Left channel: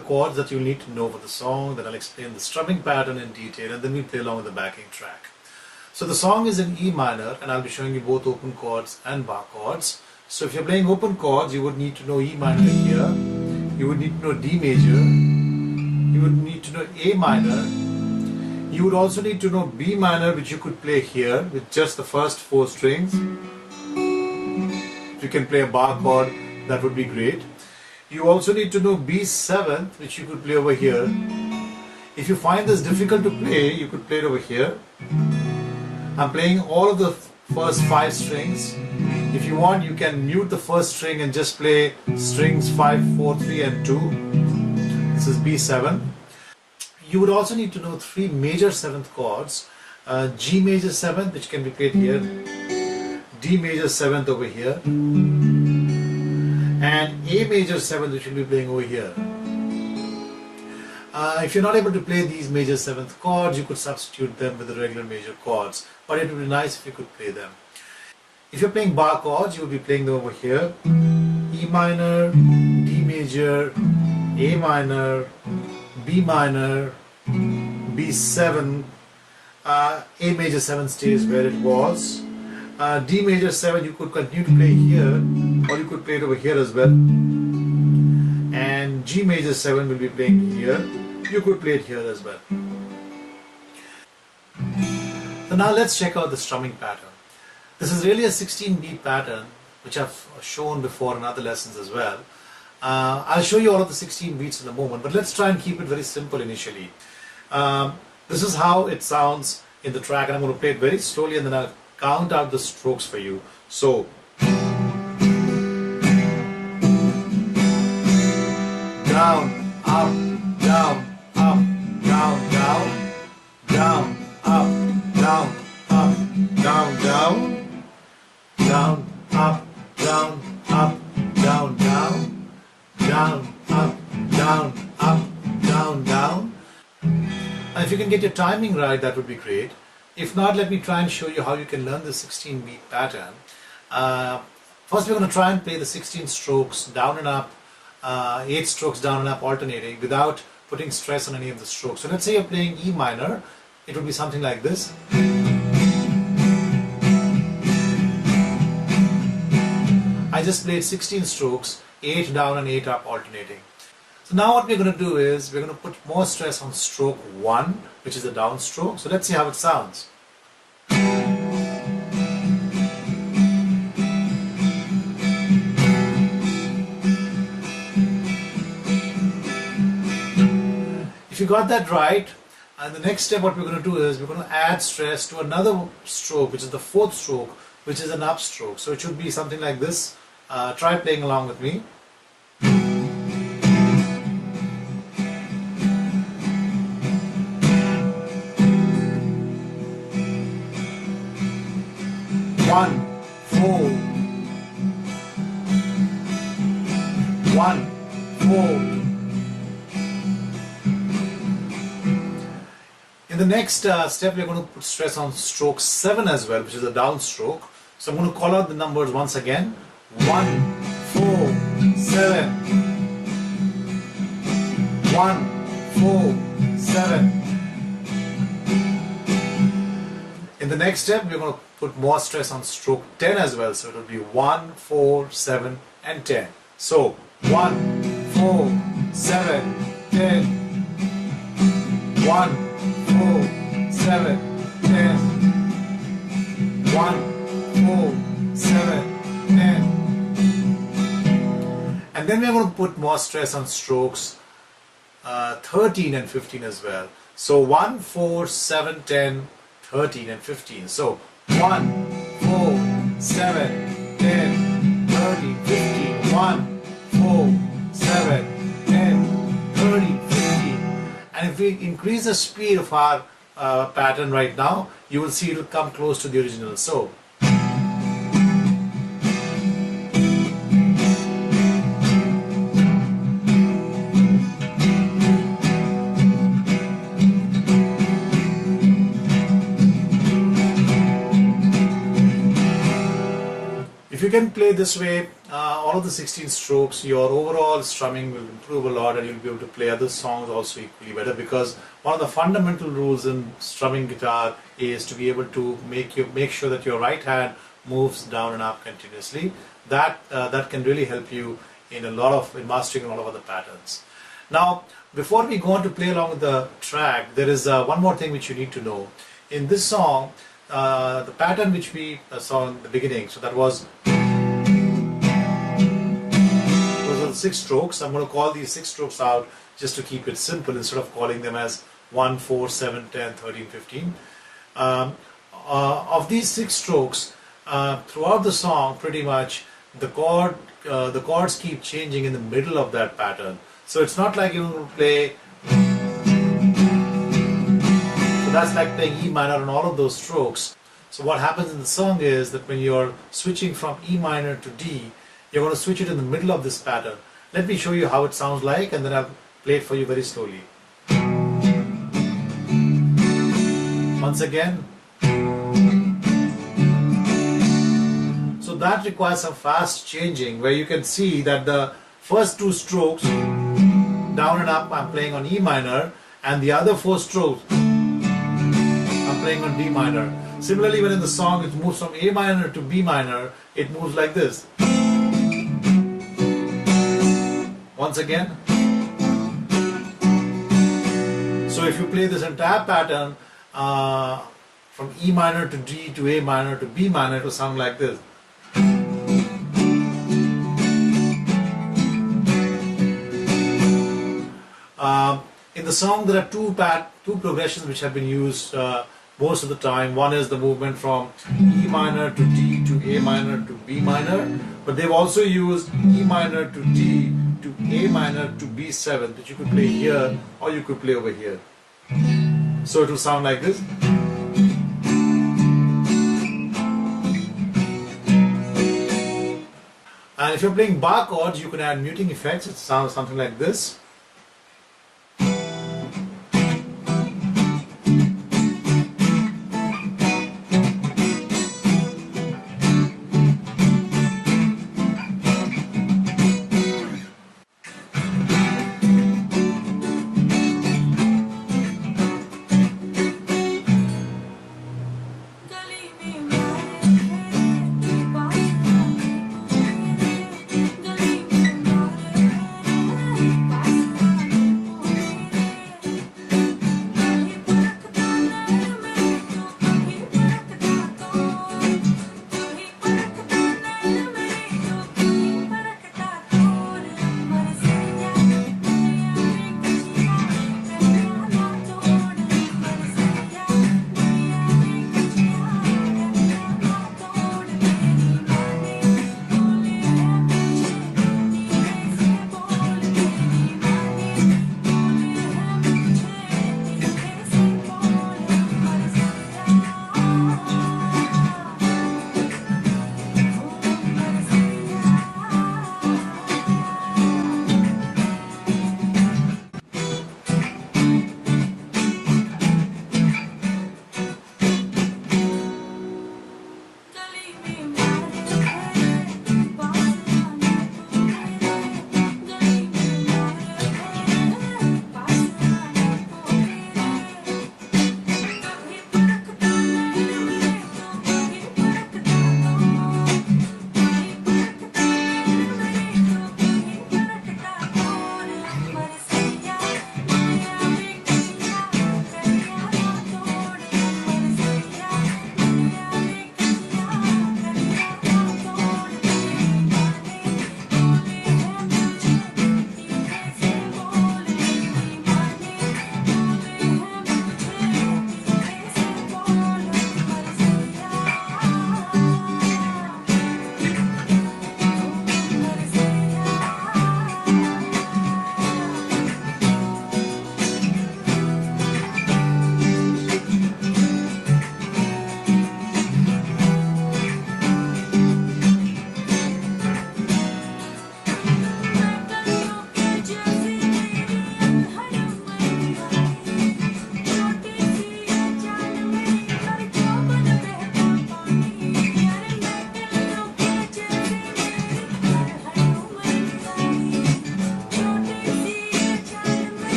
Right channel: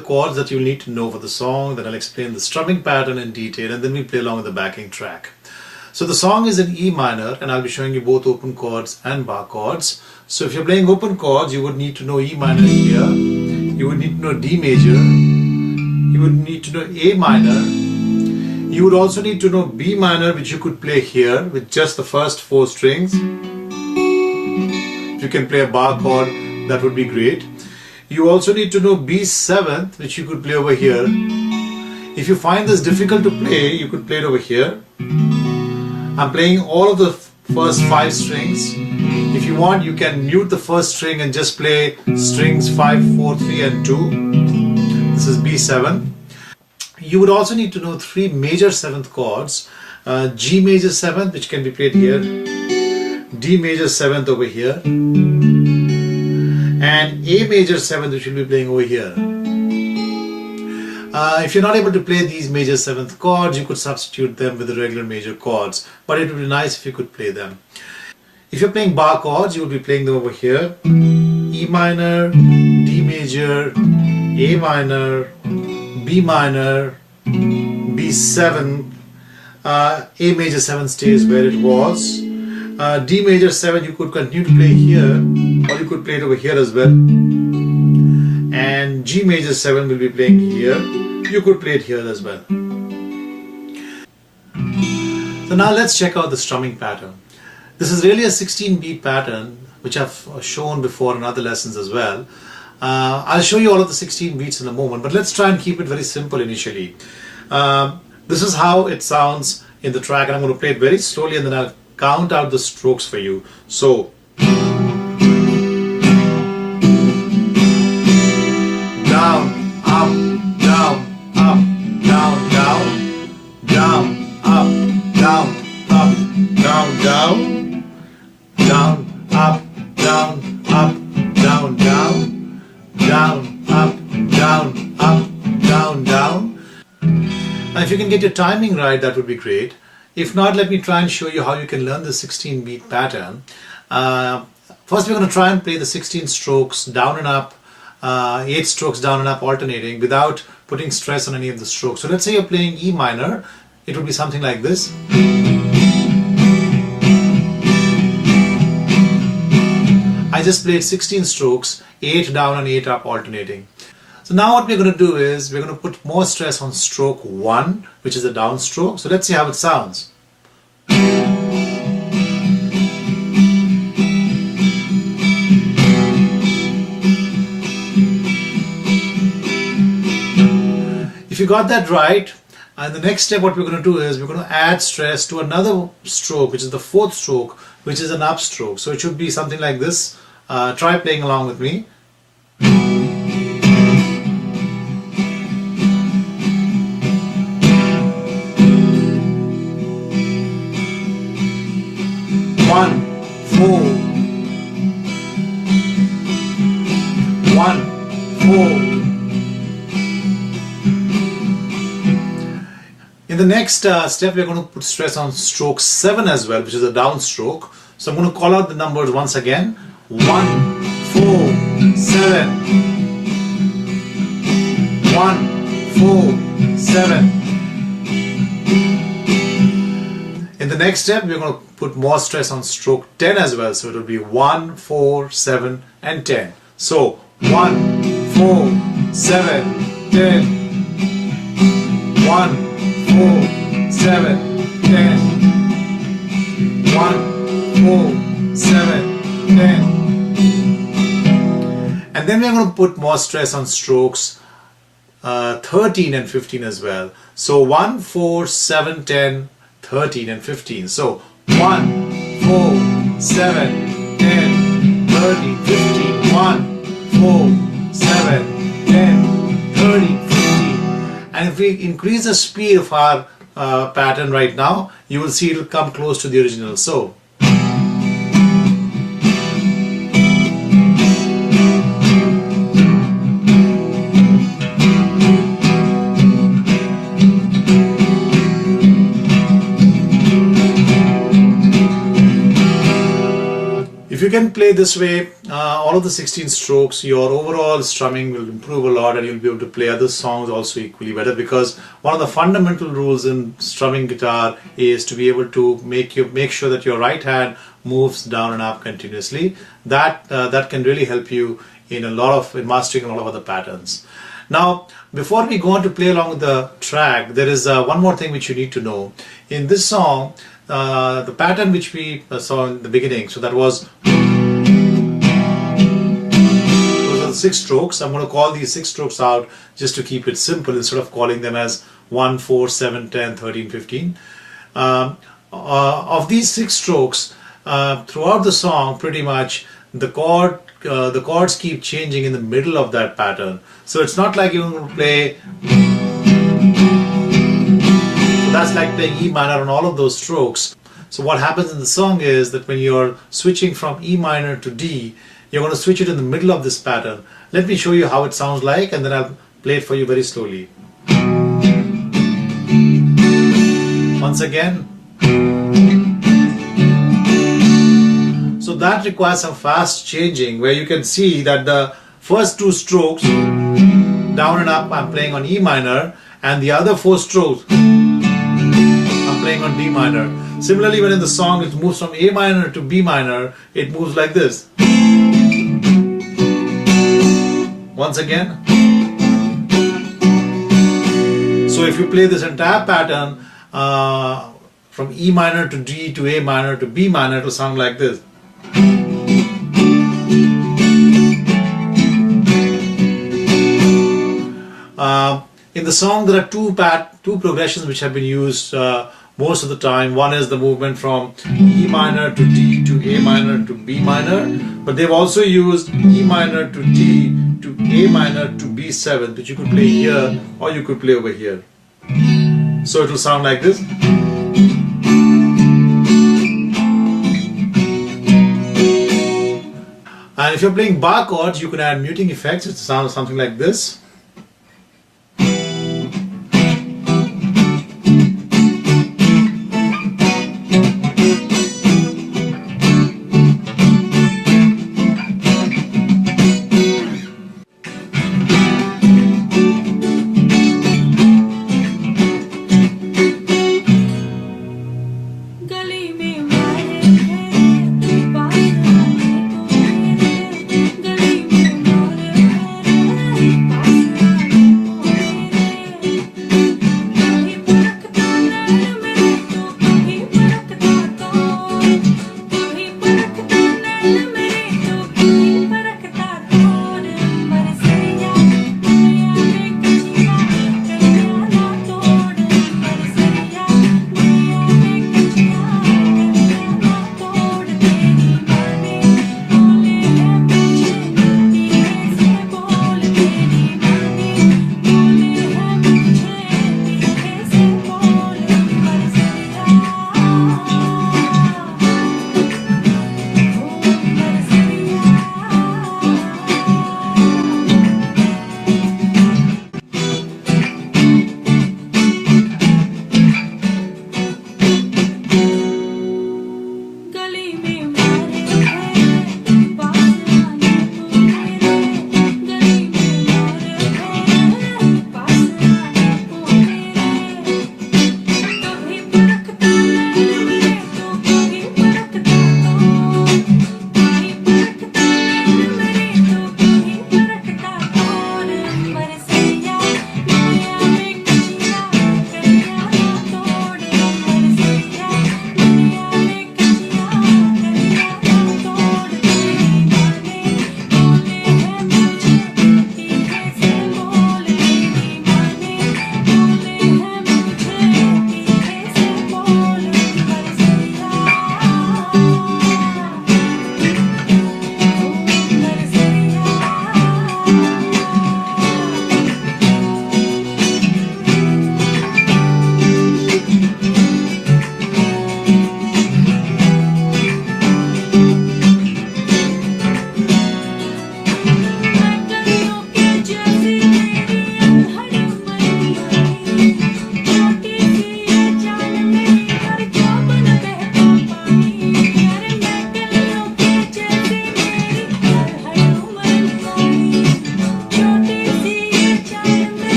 chords that you'll need to know for the song, then I'll explain the strumming pattern in detail, and then we play along with the backing track. So the song is in E minor, and I'll be showing you both open chords and bar chords. So if you're playing open chords, you would need to know E minor here, you would need to know D major, you would need to know A minor, you would also need to know B minor, which you could play here with just the first 4 strings. If you can play a bar chord, that would be great. You also need to know B7th, which you could play over here. If you find this difficult to play, you could play it over here. I'm playing all of the first 5 strings. If you want, you can mute the first string and just play strings 5, 4, 3 and 2. This is B7. You would also need to know 3 major 7th chords. G major 7th, which can be played here. D major 7th over here. And A major 7th, which will be playing over here. If you're not able to play these major 7th chords, you could substitute them with the regular major chords, but it would be nice if you could play them. If you're playing bar chords, you will be playing them over here. E minor, D major, A minor, B minor, B7, A major 7 stays where it was. D major 7 you could continue to play here, or you could play it over here as well. And G major 7 will be playing here. You could play it here as well. So now let's check out the strumming pattern. This is really a 16-beat pattern, which I've shown before in other lessons as well. I'll show you all of the 16 beats in a moment, but let's try and keep it very simple initially. This is how it sounds in the track, and I'm going to play it very slowly, and then I'll count out the strokes for you. So down, up, down, up, down, down, down, up, down, up, down, down, down, up, down, up, down, down, down, up, down, up, down, down. Now if you can get your timing right, that would be great. If not, let me try and show you how you can learn the 16-beat pattern. First we're going to try and play the 16 strokes down and up, 8 strokes down and up alternating without putting stress on any of the strokes. So let's say you're playing E minor, it would be something like this. I just played 16 strokes, 8 down and 8 up alternating. So now what we're going to do is we're going to put more stress on stroke 1, which is a down stroke. So let's see how it sounds. If you got that right, and the next step what we're going to do is we're going to add stress to another stroke, which is the 4th stroke, which is an up stroke. So it should be something like this. Try playing along with me. In the next step, we're going to put stress on stroke 7 as well, which is a down stroke. So I'm going to call out the numbers once again. 1, 4, 7. 1, 4, 7. In the next step, we're going to put more stress on stroke 10 as well. So it will be 1, 4, 7 and 10. So 1, 4, 7, 10. 1, 4, 7, 10. 1, 4, 7, 10. And then we're going to put more stress on strokes 13 and 15 as well. So 1, 4, 7, 10, 13 and 15. So 1, 4, 7, 10, 13, 15. 1, 4, 7, 10, 13, 15. And if we increase the speed of our pattern right now, you will see it will come close to the original. So if If you can play this way, all of the 16 strokes, your overall strumming will improve a lot, and you'll be able to play other songs also equally better, because one of the fundamental rules in strumming guitar is to be able to make sure that your right hand moves down and up continuously. That can really help you in mastering a lot of other patterns. Now, before we go on to play along with the track, there is one more thing which you need to know. In this song, the pattern which we saw in the beginning, so that was, those are the 6 strokes. I'm going to call these 6 strokes out just to keep it simple, instead of calling them as 1, 4, 7, 10, 13, 15. Of these 6 strokes, throughout the song, pretty much the chords keep changing in the middle of that pattern. So it's not like you're going to play, so that's like playing E minor on all of those strokes. So what happens in the song is that when you're switching from E minor to D, you're going to switch it in the middle of this pattern. Let me show you how it sounds like, and then I'll play it for you very slowly. Once again. So that requires some fast changing, where you can see that the first 2 strokes, down and up, I'm playing on E minor, and the other 4 strokes, I'm playing on D minor. Similarly, when in the song it moves from A minor to B minor, it moves like this. Once again. So if you play this entire pattern from E minor to D to A minor to B minor, it will sound like this. In the song, there are two progressions which have been used most of the time. One is the movement from E minor to D to A minor to B minor, but they've also used E minor to D to A minor to B7, which you could play here or you could play over here. So it will sound like this. And if you're playing bar chords, you can add muting effects. It sounds something like this.